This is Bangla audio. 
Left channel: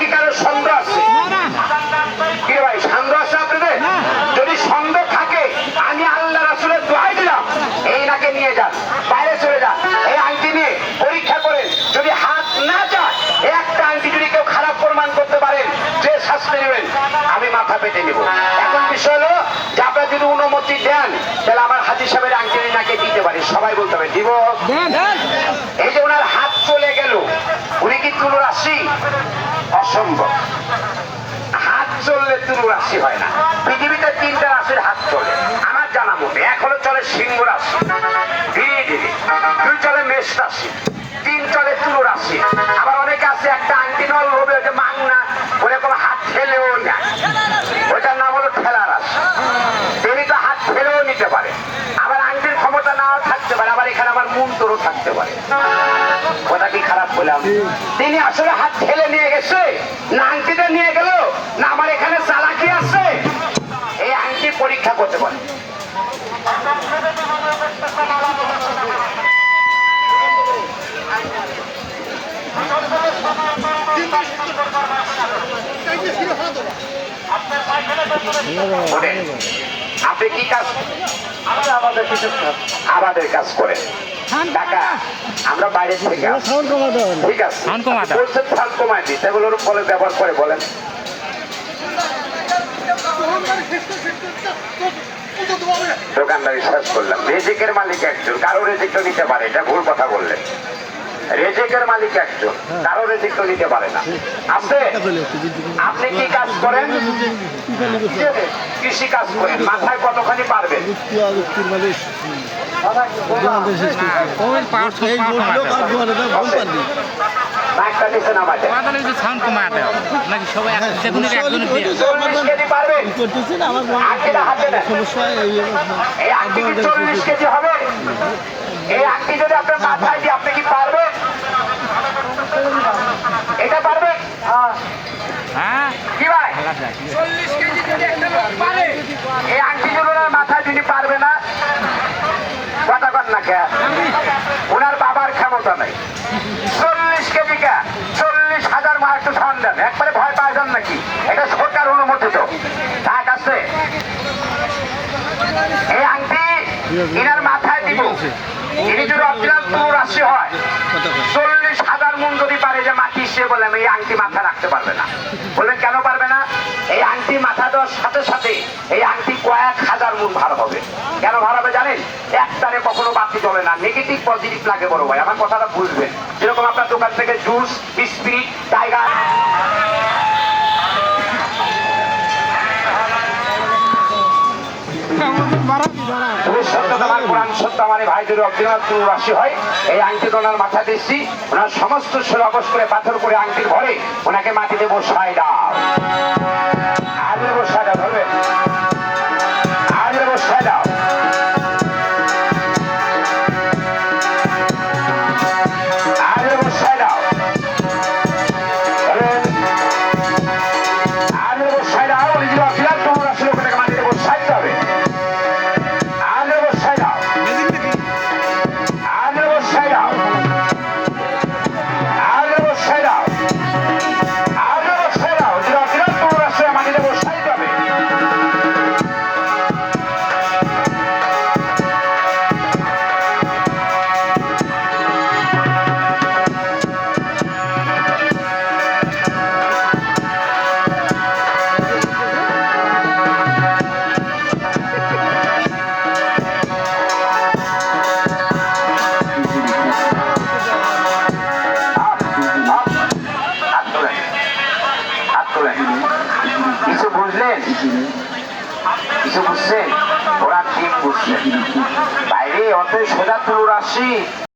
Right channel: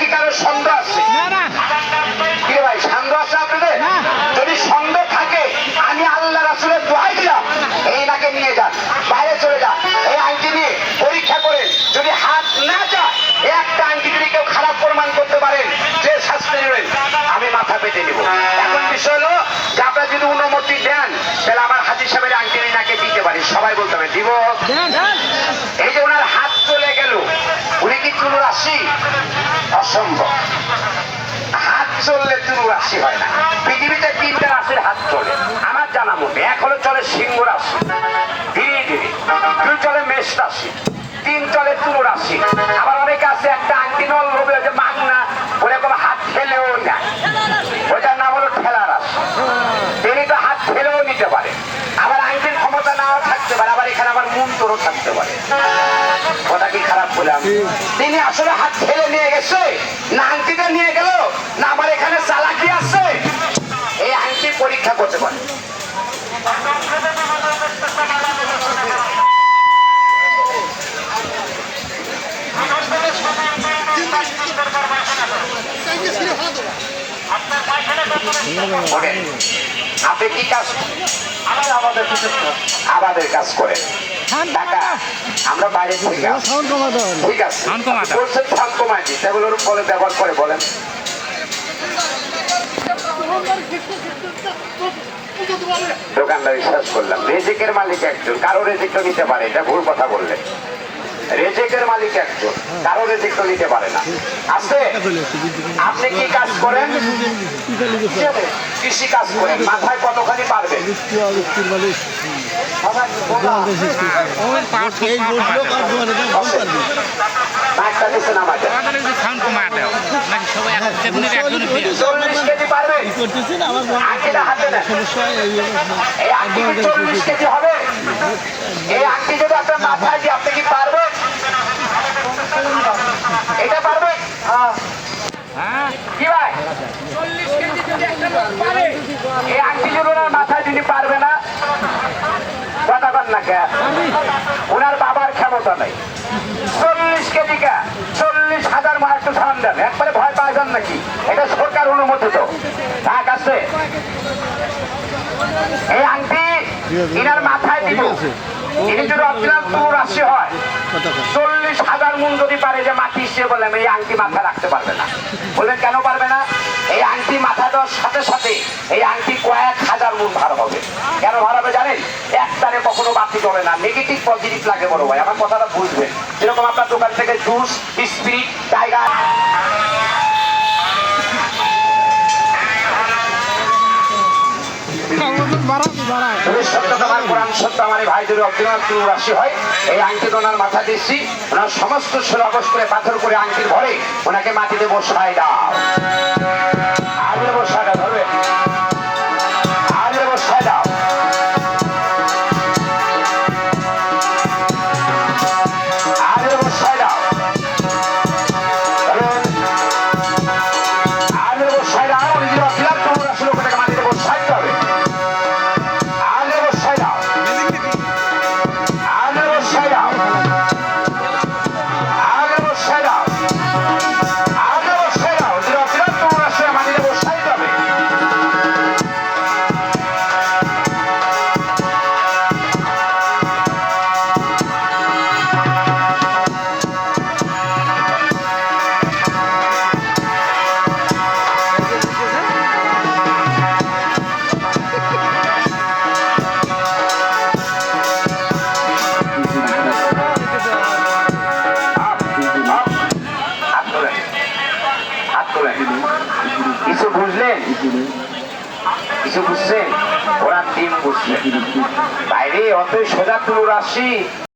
নাকি কারও সন্দেহ আছে? কি ভাই সন্দেহ আছে আপনাদের? যদি সন্দেহ থাকে আমি আল্লাহ রাসুলের দোয়াই দিলাম। এই নাকে নিয়ে যান বাইরে চলে যান। এই আইনটি নিয়ে পরীক্ষা করে যদি হাত না যায় একটা আইনটি যদি কেউ খারাপ প্রমাণ করতে পারেন যে শাস্তি নেবেন আমি মাথা পেতে নিব। এখন বিষয় হলো যে যদি অনুমতি দেন তাহলে আমার হাতি সাহেবের আংটি নাকে দিতে পারি। সবাই বলতে হবে দিব। এই যে ওনার হাত চলে গেল উনি কি তুলো রাশি অসম্ভব। হাত চললে তুলো রাশি হয় না। পৃথিবীতে তিনটা রাশির হাত চলে। আমার জানা মতে হলো চলে সিংহ রাশি। ধীরে ধীরে। দুই চলে মেষ রাশি। তিন চলে তুলো রাশি। আবার অনেকে আছে, একটা আংটি নল হবে যে মাংনা, ওরে কোনো হাত ফেলেও না। ওটার নাম হলো ঠেলা রাশি। তিনি তো হাত ফেলেও নিতে পারে আবার আংটির ক্ষমতা নাও থাকতে পারে মন তোরও থাকতে পারে। কথা কি খারাপ বললাম তিনি আসলে হাত ঠেলে নিয়ে গেছে। না আংটিটা নিয়ে গেল না আমার এখানে চালাকি আছে। এই আংটি পরীক্ষা করতে পারে। আপনি কি কাজ আমাদের কিছু আমাদের কাজ করেন। টাকা আমরা বাইরে থেকে আসি। সাউন্ড ঠিক আছে। Sound কমা দাও। বলছেন সাউন্ড কমাই দিই সেগুলোর বলে ব্যবহার করে বলেন। দোকানদারি শেষ করলাম। রেজিকের মালিক একজন কারও রেজিক তো দিতে পারে এটা ভুল কথা বললেন। রেজিকের মালিক একজন কারও রেজিক তো দিতে পারে না। আছে আপনি কি কাজ করেন? কৃষি কাজ করেন মাথায় কতখানি পারবেন? এই সমস্যা আংটি যদি আপনার মাথায় দিয়ে আপনি কি পারবেন? এটা পারবেন হ্যাঁ। কি ভাই? চল্লিশ কেজি যদি একটা লোক পারে এই আংটি যদি ওনার মাথায় তিনি পারবে না। কথা কর না কে? ওনার বাবার ক্ষমতা নেই। চল্লিশ কেজি কে? চল্লিশ হাজার মার একটু ধান দেন। একবারে ভয় পাওয়া যান নাকি? এটা সরকার অনুমোদিত। কাক আছে। এই আংটি ইনার মাথায় দিব। চল্লিশ হাজার মন যদি পারে যে মাটি সে বললাম এই আংটি মাথা রাখতে পারবে না। বলবেন, কেন পারবে না? এই আংটি মাথা দেওয়ার সাথে সাথে এই আংটি কয়েক হাজার মন ভার হবে। কেন ভার হবে জানেন? একটারে কখনো বাতি চলে না। নেগেটিভ পজিটিভ লাগে বড় ভাই। আমার কথাটা বুঝবেন। যেরকম আপনার দোকান থেকে জুস স্পিরিট টাইগার হয়? এই ওনার মাথা ওনার সমস্ত সুরাবস করে পাথর করে আংটির ভরে ওনাকে মাটিতে বসায় দাও। Yeah. কিছু বুঝলেন? কিছু বুঝছেন? ওরা টিম বুঝছে। বাইরে অত সোজা তুলো রাশি